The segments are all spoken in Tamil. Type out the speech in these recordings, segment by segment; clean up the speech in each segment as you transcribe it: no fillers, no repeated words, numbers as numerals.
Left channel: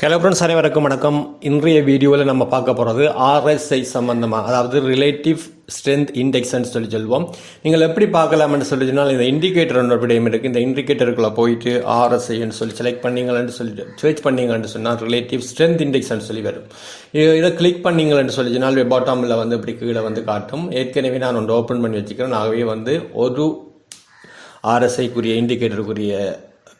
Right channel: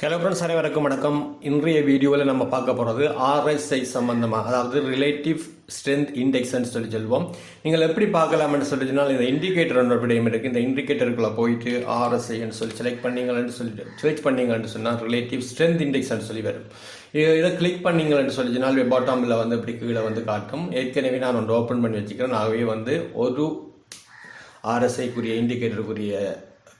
ஹலோ ஃப்ரெண்ட்ஸ், அனைவருக்கும் வணக்கம். இன்றைய வீடியோவில் நம்ம பார்க்க போகிறது ஆர்எஸ்ஐ சம்பந்தமாக, அதாவது ரிலேட்டிவ் ஸ்ட்ரென்த் இண்டெக்ஸ்ன்னு சொல்லுவோம். நீங்கள் எப்படி பார்க்கலாம்னு சொல்லிச்சுனால், இந்த இண்டிகேட்டர் ஒன்று விடையும் இருக்குது. இந்த இண்டிகேட்டருக்குள்ளே போயிட்டு ஆர்எஸ்ஐன்னு சொல்லி செலக்ட் பண்ணிங்கன்னு சொல்லிட்டு சர்ச் பண்ணிங்கன்னு சொன்னால் ரிலேட்டிவ் ஸ்ட்ரென்த் இண்டெக்ஸ்ன்னு சொல்லி வரும். இதை கிளிக் பண்ணிங்கன்னு சொல்லிச்சுனால் பாட்டமில் வந்து இப்படி கீழே வந்து காட்டும். ஏற்கனவே நான் ஒன்று ஓப்பன் பண்ணி வச்சுக்கிறேன். ஆகவே வந்து ஒரு ஆர்எஸ்ஐக்குரிய இண்டிகேட்டருக்குரிய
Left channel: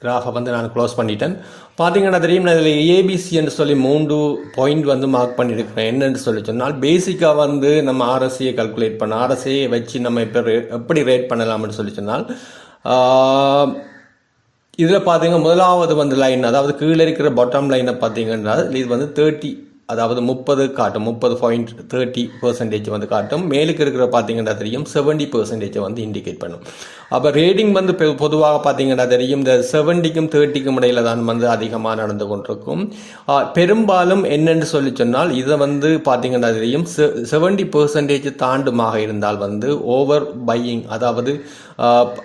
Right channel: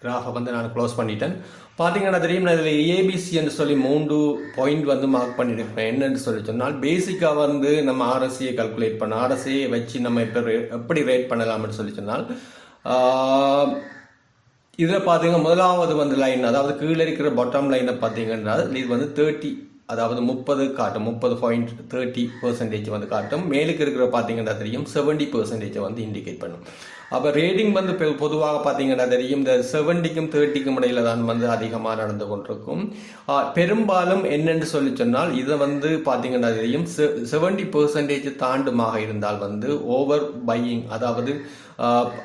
கிராஃபை வந்து நான் க்ளோஸ் பண்ணிட்டேன். பார்த்தீங்கன்னா தெரியும், நான் இதில் ஏபிசின்னு சொல்லி 3 பாயிண்ட் வந்து மார்க் பண்ணியிருக்கிறேன். என்னென்னு சொல்லி சொன்னால், பேசிக்காக வந்து நம்ம ஆர்எஸ்ஐயை கல்குலேட் பண்ண ஆர்எஸ்ஐயை வச்சு நம்ம எப்படி ரேட் பண்ணலாம்னு சொல்லி சொன்னால், இதில் பார்த்தீங்கன்னா முதலாவது வந்து லைன், அதாவது கீழே இருக்கிற பாட்டம் லைனை பார்த்தீங்கன்னா இது வந்து 30, அதாவது 30 காட்டும். 30.30% வந்து காட்டும். மேலுக்கு இருக்கிற பார்த்தீங்கன்னா தெரியும் 70% வந்து இண்டிகேட் பண்ணும். அப்போ ரேட்டிங் வந்து பொதுவாக பார்த்தீங்கன்னா தெரியும் இந்த 70க்கும் 30க்கும் இடையில தான் வந்து அதிகமாக நடந்து கொண்டிருக்கும். பெரும்பாலும் என்னென்னு சொல்லி சொன்னால், இதை வந்து பார்த்தீங்கன்னா தெரியும் 70% தாண்டுமாக இருந்தால் வந்து ஓவர் பையிங், அதாவது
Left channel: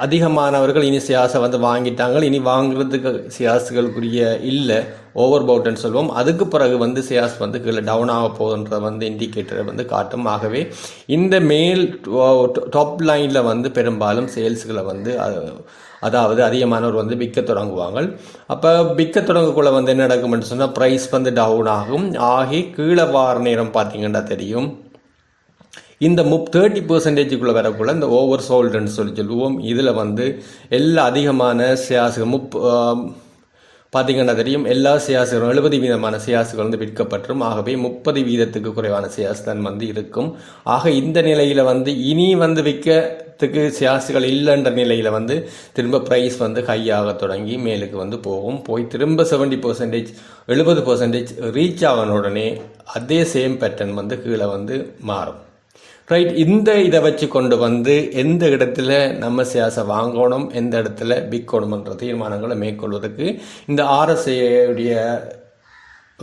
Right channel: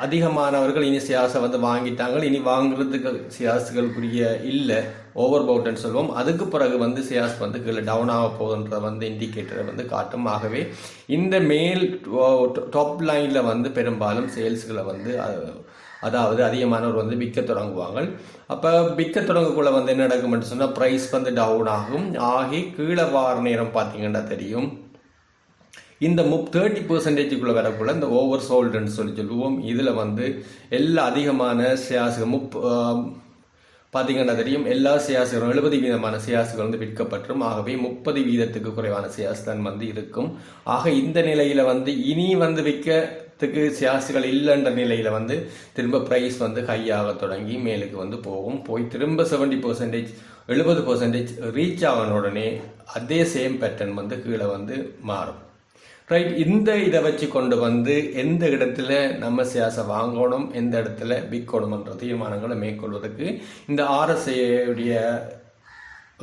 அதிகமானவர்கள் இனி ஷேர்ஸை வந்து வாங்கிட்டாங்க, இனி வாங்குறதுக்கு ஷேர்ஸ்களுக்குரிய இல்லை, ஓவர் பவுட்னு சொல்லுவோம். அதுக்கு பிறகு வந்து ஷேர்ஸ் வந்து கீழே டவுன் ஆக போகுன்ற வந்து இண்டிகேட்டரை வந்து காட்டும். ஆகவே இந்த மேல் டாப் லைனில் வந்து பெரும்பாலும் சேல்ஸ்களை வந்து அதாவது அதிகமானவர் வந்து விற்க தொடங்குவாங்க. அப்போ விற்க தொடங்கக்குள்ள வந்து என்ன நடக்கும்னு சொன்னால், ப்ரைஸ் வந்து டவுன் ஆகி கீழே வார நேரம் பார்த்தீங்கன்னா தெரியும் இந்த 30%க்குள்ளே வரக்குள்ள இந்த ஓவர் சோல்டுன்னு சொல்லுவோம். இதில் வந்து எல்லா அதிகமான ஷேர்ஸுகள் பார்த்தீங்கன்னா தெரியும் எல்லா ஷேர்ஸுகளும் 70% ஷேர்ஸுகள் வந்து விற்கப்பட்டுரும். ஆகவே 30% குறைவான ஷேர்ஸ் தான் வந்து இருக்கும். ஆக இந்த நிலையில் வந்து இனி வந்து விற்கிறதுக்கு ஷேர்ஸுகள் இல்லைன்ற நிலையில் வந்து திரும்ப ப்ரைஸ் வந்து ஹையாக தொடங்கி மேலுக்கு வந்து போய் திரும்ப 70% 70% ரீச் ஆகின உடனே அதே சேம் பேட்டர்ன் வந்து கீழே வந்து மாறும். ரைட், இந்த இதை வச்சு கொண்டு வந்து எந்த இடத்துல நம்ம ஷேர்ஸை வாங்கணும், எந்த இடத்துல விற்கணும்ன்ற தீர்மானங்களை மேற்கொள்வதற்கு இந்த ஆர்எஸ்ஐடைய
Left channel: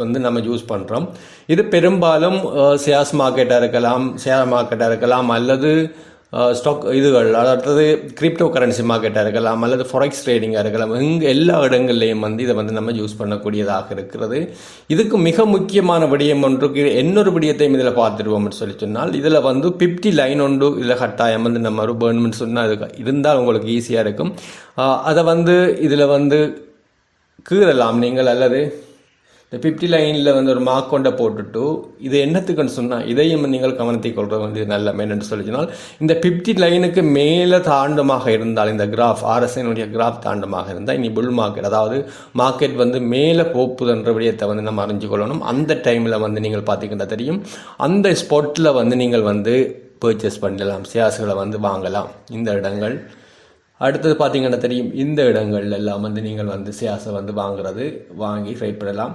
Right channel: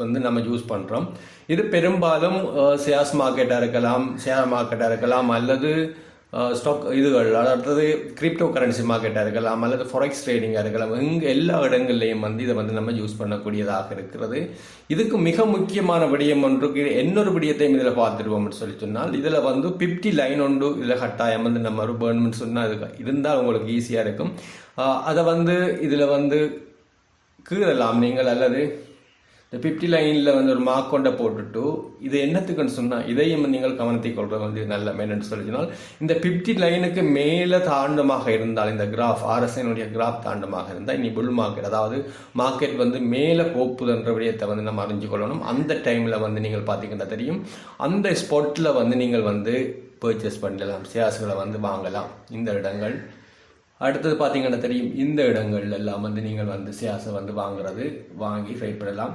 வந்து நம்ம யூஸ் பண்ணுறோம். இது பெரும்பாலும் ஷேர்ஸ் மார்க்கெட்டாக இருக்கலாம், ஷேர் மார்க்கெட்டாக இருக்கலாம், அல்லது ஸ்டாக் இதுகள், அதாவது கிரிப்டோ கரன்சி மார்க்கெட்டாக இருக்கலாம், அல்லது ஃபாரெக்ஸ் ட்ரேடிங்காக இருக்கலாம். எல்லா இடங்கள்லையும் வந்து இதை வந்து நம்ம யூஸ் பண்ணக்கூடியதாக இருக்கிறது. இதுக்கு மிக முக்கியமான விடயம் ஒன்றுக்கு இன்னொரு விடயத்தையும் இதில் பார்த்துருவோம்னு சொல்லி சொன்னால், இதில் வந்து 50 லைன் ஒன்று இதில் கட்டாயம் வந்து நம்ம ஒரு பேர்ன்மெண்ட் சொன்னால் அது இருந்தால் உங்களுக்கு ஈஸியாக இருக்கும். அதை வந்து இதில் வந்து கீறலாம் நீங்கள், அல்லது இந்த 50 லைனில் வந்து ஒரு மார்க் கொண்ட போட்டுட்டு இது என்னத்துக்குன்னு சொன்னால் இதையும் நீங்கள் கவனத்தை கொள்வது வந்து நல்ல என்னென்னு சொல்லிச்சுனால், இந்த 50 லைனுக்கு மேலே தாண்டமாக இருந்தால், இந்த கிராஃப் ஆர்எஸ்ஐனுடைய கிராஃப் தாண்டமாக இருந்தால் இனி புல் மார்க்கெட், அதாவது மார்க்கெட் வந்து மேலே போப்புதுன்ற விடயத்தை வந்து நம்ம அறிஞ்சு கொள்ளணும். அந்த டைமில் வந்து நீங்கள் பார்த்தீங்கன்னா தெரியும் அந்த ஸ்பாட்டில் வந்து நீங்கள் வந்து பர்ச்சேஸ் பண்ணலாம், ஷேர்ஸ்களை வந்து வாங்கலாம். இந்த இடங்கள் அடுத்தது பார்த்தீங்கன்னா தெரியும் இந்த இடங்கள் எல்லாம் வந்து நீங்கள் வந்து ஷேர்ஸை வந்து வாங்கி ட்ரைட் பண்ணலாம்.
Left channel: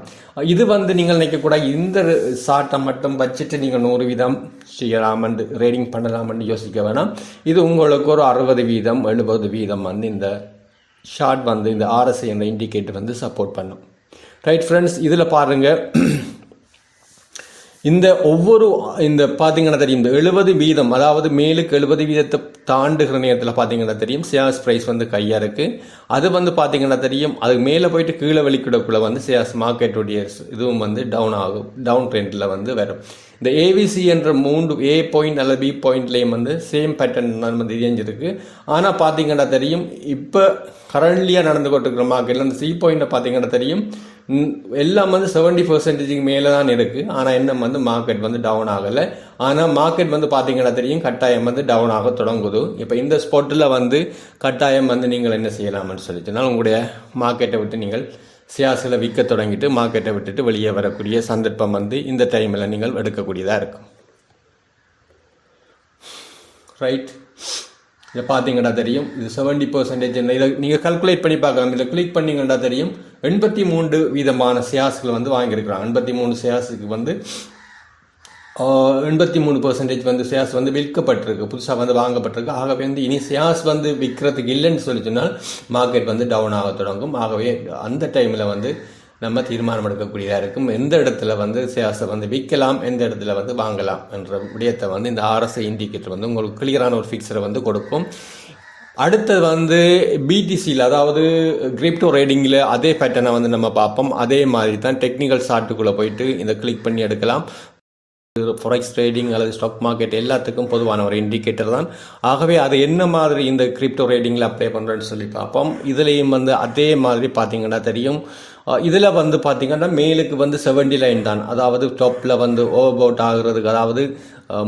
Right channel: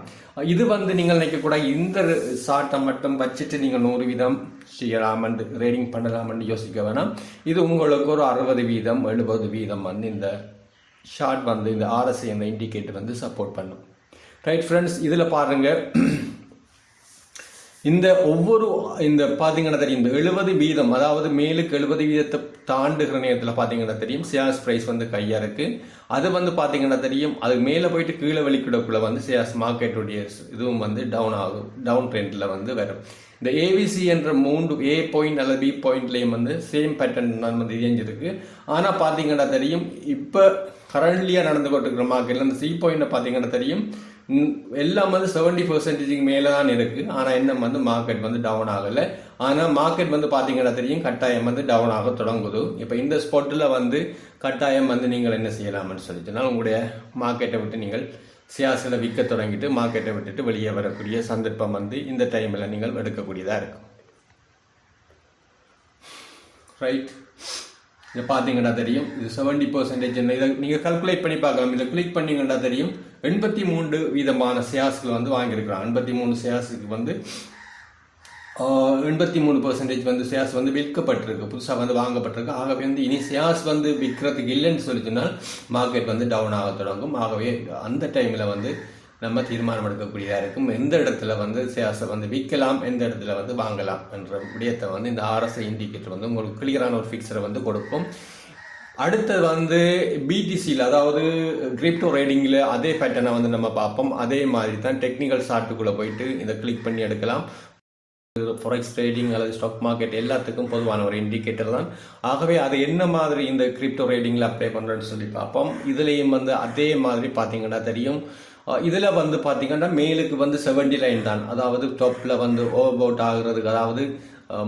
இது வந்து நீங்கள் நினைக்கக்கூடாது இந்த ஷார்ட்டை மட்டும் வச்சுட்டு நீங்கள் 100% செய்யலாமன்று ரேடிங் பண்ணலாமன்னு யோசிக்க வேணாம். இது உங்களுக்கு ஒரு 60% 70% வந்து இந்த ஷார்ட் வந்து இந்த ஆர்எஸ்ஐ என்ற இண்டிகேட்டர் வந்து சப்போர்ட் பண்ணும். ரைட் ஃப்ரெண்ட்ஸ், இதில் பாருங்கள் இந்த இந்த பார்த்தீங்கன்னா தெரியும் இந்த 70%, அதாவது மேலுக்கு 70% தாண்டுகிற நேரத்தில் பார்த்தீங்கன்னா தெரியும் ஷேர்ஸ் ப்ரைஸ் வந்து கையாக இருக்குது. அது வந்து பார்த்தீங்கன்னா தெரியும் அது மேலே போயிட்டு கீழே வெளிக்கிடக்குள்ள வந்து ஷேர்ஸ் மார்க்கெட்டுடைய இதுவும் வந்து டவுன் ட்ரெண்டில் வந்து வரும். இந்த ஏவிசி என்ற 3 A பாயிண்ட் அல்லது B பாயிண்ட்லேயும் வந்து சேம் பேட்டர்ன் தான் வந்து இயஞ்சிருக்கு. ஆனால் பார்த்தீங்கன்னா தெரியும் இப்போ கரண்ட்லியாக நடந்து கொண்டிருக்கிற மார்க்கெட்டில் அந்த C பாயிண்ட்டை பார்த்தீங்கன்னா தெரியும் எல்லாம் வந்து 70% மேலே தான் இருக்குது. ஆனால் என்ன வந்து மார்க்கெட் வந்து டவுன் ஆகலை. ஆனால் மார்க்கெட் வந்து பார்த்தீங்கன்னா தெரியும் கட்டாயம் வந்து டவுன் ஆக தொடங்குது. இப்போ இந்த ஸ்பாட்டில் வந்து கட்டாயம் வந்து நீங்கள் என்ன செய்யலாம்னு சொல்லிச்சுன்னா, உங்களுடைய மார்க்கெட்டை விட்டு நீங்கள் ஷேர்ஸில் விற்க தொடங்கிட்டு மார்க்கெட்டை விட்டுட்டு வெளியே வரக்கூடிய சந்தர்ப்பம் வந்து இந்த டைமில் நீங்கள் எடுக்கக்கூடியதாக இருக்கும். ரைட், இதை பார்த்தீங்கன்னா தெரியும் இது 70%. இதை நீங்கள் கால்குலேட் பண்ணி பார்க்கலாம். இதில் கிளிக் பண்ணிங்கன்னா தெரியும் 83% ஷேர்ஸ்களை வந்து வாங்கியிருக்கிறாங்க. 83 ஷேர்ஸுக்கு வந்து 83% வந்து ஷேர்ஸ் வந்து விற்கப்பட்டிருக்கு, புதுசாக வந்து வாங்கப்பட்டிருக்கு. ஆகவே வந்து இனி ஷேர்ஸ் வந்து விற்கிறதுக்கு இல்லைன்னு சொல்லிச்சுனால் மார்க்கெட் வந்து டவுன் ஆக தொடங்கும். ஆகவே அந்த டைமில் வந்து நம்ம தீர்மானம் எடுக்கக்கூடியதாக இருக்கும். எந்த இடத்துல வந்து ஷேர்ஸை வந்து விற்கலாம், எந்த இடத்துல வந்து வாங்கலாம் என்ற விடயத்தை வந்து இந்த ஆர்எஸ்ஐ இண்டிகேட்டர் வந்து உங்களுக்கு கிளியரான ஒரு ஃபிக்ஸரை வந்து கொடுக்கும். அடுத்தது வந்து பிடிசியில், அதாவது கிரிப்டோ ரேடிங்கில் அதே பேட்டர்னை வந்து நம்ம பார்ப்போம். அதே மாதிரி தான் டெக்னிக்கல் சார்ட்டுக்குள்ளே போயிட்டு இதை கிளிக் பண்ணி எடுக்கலாம். ஃபாரெக்ஸ் ட்ரேடிங் அல்லது ஸ்டாக் மார்க்கெட் எல்லாத்துக்கும் பொதுவான ஒரு இண்டிகேட்டர் தான். ஆகவே அது என்ன மாதிரி இந்த கிரிப்டோ ரேடிங்கில் அப்ளை பண்ணுறேன்னு சொல்லி பார்ப்போம். இதுலேயும் வந்து அதே மாதிரி பார்த்தீங்கன்னா தெரியும். இதில் வந்து பார்த்தீங்கன்னா மேலுக்கு வந்து 70 லைன் தான், அதாவது டாப்பில் வந்து ஓவர் அவுட் ஆகுறதுக்கு, அதாவது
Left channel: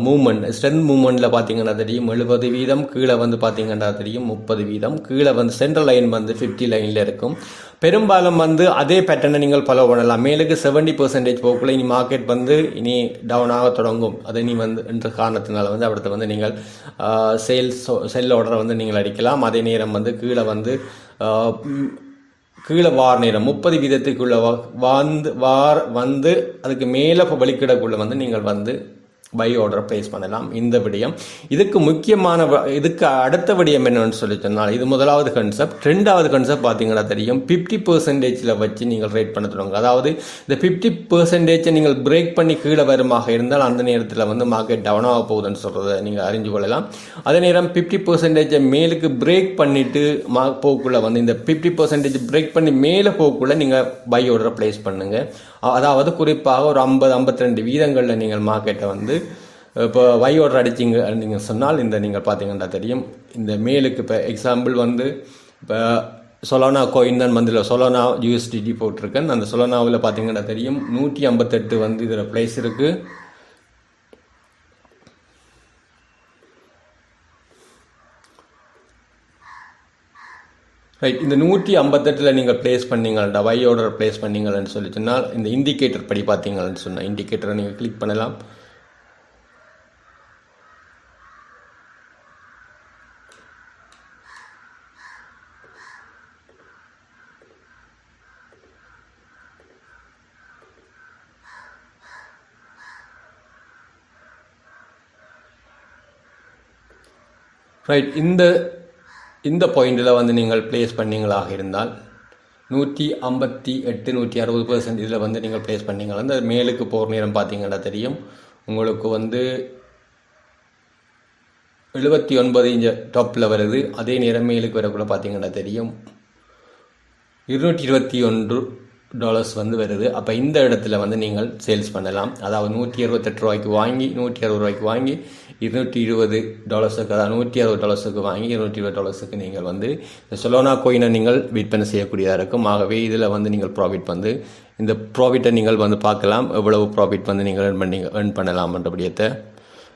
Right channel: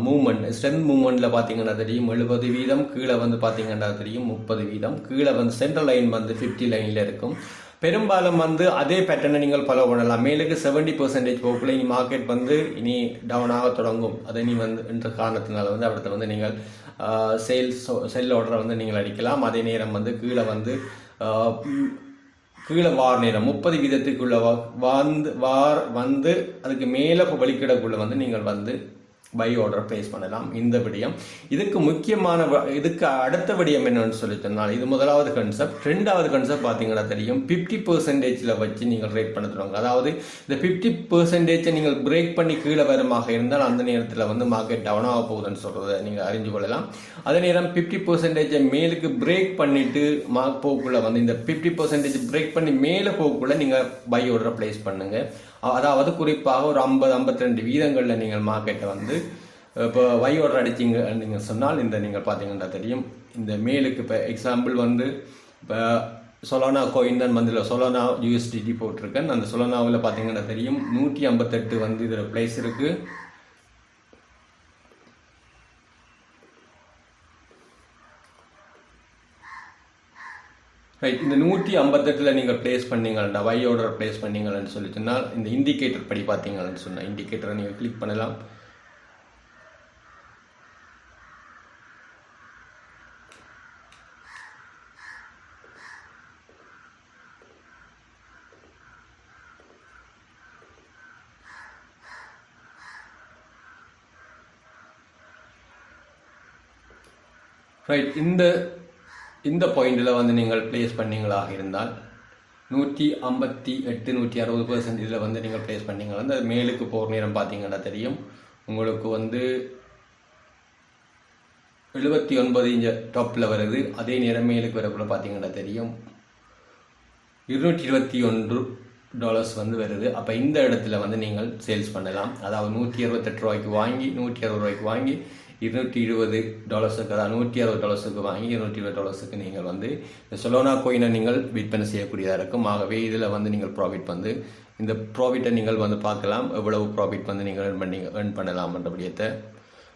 மூமெண்ட் ஸ்ட்ரென்த் மூமெண்ட்டில் பார்த்தீங்கன்னா தெரியும் 70%, கீழே வந்து பார்த்தீங்கன்னா தெரியும் 30%, கீழே வந்து சென்ட்ரல் லைன் வந்து 50 லைனில் இருக்கும். பெரும்பாலும் வந்து அதே பேட்டர்னை நீங்கள் ஃபாலோ பண்ணலாம். மேலுக்கு 70% போக்குள்ள இனி மார்க்கெட் வந்து இனி டவுன் ஆக தொடங்கும். அதை நீ வந்து என்ற காரணத்தினால வந்து அடுத்து வந்து நீங்கள் செல் ஆர்டரை வந்து நீங்கள் அடிக்கலாம். அதே நேரம் வந்து கீழே வார நேரம் 30% வந்து அதுக்கு மேலே வலிக்கிடக்குள்ள வந்து நீங்கள் வந்து பை ஆர்டர் பிளேஸ் பண்ணலாம். இந்த விடயம் இதுக்கு முக்கியமான, இதுக்கு அடுத்த விடயம் என்னன்னு சொல்லி சொன்னால், இது முதலாவது கன்செப்ட். ரெண்டாவது கன்செப்ட் பார்த்தீங்கன்னா தெரியும் 50% வச்சு நீங்கள் ரேட் பண்ண தொடங்க. அதாவது இந்த 50% நீங்கள் பிரேக் பண்ணி கீழே வருமாக இருந்தால் அந்த நேரத்தில் வந்து மார்க்கெட் டவுன் ஆக போகுதுன்னு சொல்கிறத நீங்கள் அறிஞ்சு கொள்ளலாம். அதே நேரம் 50% மேலுக்கு பிரேக் பண்ணிட்டு போக்குள்ள வந்து இந்த 50% பிரேக் பண்ணி மேலே போக்குள்ள நீங்கள் பை ஆர்டரை பிளேஸ் பண்ணுங்கள். அதாவது குறிப்பாக ஒரு 50-52% நீங்கள் மார்க்கெட்டை வந்து இப்போ பை ஆர்டர் அடிச்சிங்க நீங்கள் சொன்னால், இந்த நீங்கள் பார்த்தீங்கன்னா தெரியும் இந்த மேலுக்கு இப்போ எக்ஸாம்பிள் வந்து இப்போ சொலானா கோயின் தான் வந்து சொலானா USDT போட்டிருக்கேன். அந்த சொலானாவில் பார்த்தீங்கன்னா தெரியும் 158 வந்து இதில் ப்ளேஸ் இருக்குது. ரைட், இந்த 158 நீங்கள் ப்ளேஸ் பண்ணீங்கள்டா, பை ஆர்டர் ப்ளேஸ் பண்ணீங்கன்னு சொல்லி சொன்னால், இந்த இண்டிகேட்டர் படி பார்த்தீங்கன்னு சொன்னால் இண்டிகேட்டரை நீங்கள் கிளிக் பண்ணலாம். ரைட், இந்த பாயிண்டில் வந்து நீங்கள் ப்ளேஸ் பண்ணீங்களாக இருந்தால் 158-160% இதில் வந்து நீங்கள் ப்ளேஸ் பண்ணீங்களா அந்த மேலுக்கு போகிற நேரம் பார்த்தீங்கன்னா தெரியும் உங்களுக்கு வந்து 79 இன்ச் டாப்பில் வருது. அதே நேரம் மேலுக்கு வரக்குள்ள பார்த்தீங்கன்னா தெரியும் $221 வந்து வருது. அப்போ இந்த இடத்துல வந்து நீங்கள் சேல்ஸ் பண்ணலாம். அதாவது $168 வாங்கி $160 வாங்கி $220, அதாவது $160 வாங்கி $220 நீங்கள் வந்து இந்த சொலோனா கோயினை நீங்கள் விற்பனை செய்யக்கூடியதாக இருக்கும். ஆகவே இதில் வந்து நீங்கள் ப்ராஃபிட் வந்து இந்த ப்ராஃபிட்டை நீங்கள் வந்து பார்க்கலாம், எவ்வளவு ப்ராஃபிட் வந்து நீங்கள் ஏர்ன் பண்ணலாம்ன்றபடியத்தை.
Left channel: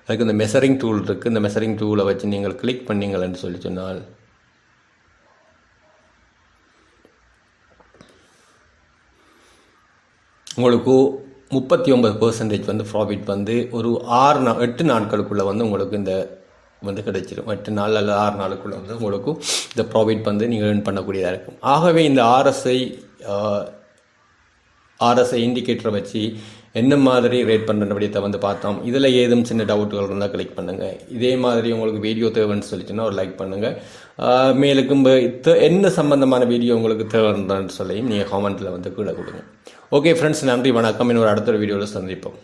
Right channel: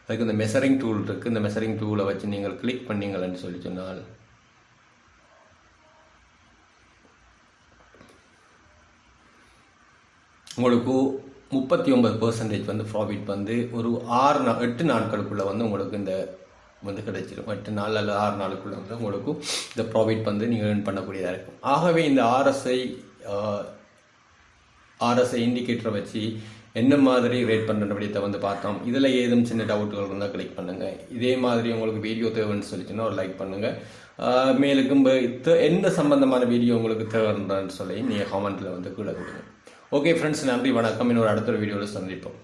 அதுக்கு இந்த மெஷரிங் டூல் இருக்குது. இந்த மெஷரிங் டூலை வச்சு நீங்கள் கிளிக் பண்ணீங்கன்னு சொல்லி சொன்னால் உங்களுக்கு 39% வந்து ப்ராஃபிட் வந்து ஒரு 8 நாட்களுக்குள்ளே வந்து உங்களுக்கு இந்த வந்து கிடைச்சிடும். 8 நாள் அல்லது 6 நாளுக்குள்ளே வந்து உங்களுக்கு இந்த ப்ராஃபிட் வந்து நீங்கள் ஏர்ன் பண்ணக்கூடியதாக இருக்கும். ஆகவே இந்த ஆர்எஸ்ஐ இண்டிகேட்டரை வச்சு என்ன மாதிரி ரேட் பண்ணுறபடியத்தை வந்து பார்த்தோம். இதில் ஏதும் சின்ன டவுட்டுகள் இருந்தால் கிளிக் பண்ணுங்கள். இதே மாதிரி உங்களுக்கு வீடியோ தேவைன்னு சொல்லிச்சுன்னா ஒரு லைக் பண்ணுங்கள். மேலுக்கும் என்ன சம்பந்தமான வீடியோ உங்களுக்கு தேவைன்னு சொல்லி நீங்கள் கமெண்ட்டில் வந்து கீழே கொடுங்க. ஓகே ஃப்ரெண்ட்ஸ், நன்றி, வணக்கம். இன்னொரு அடுத்த வீடியோவில் சந்திப்போம்.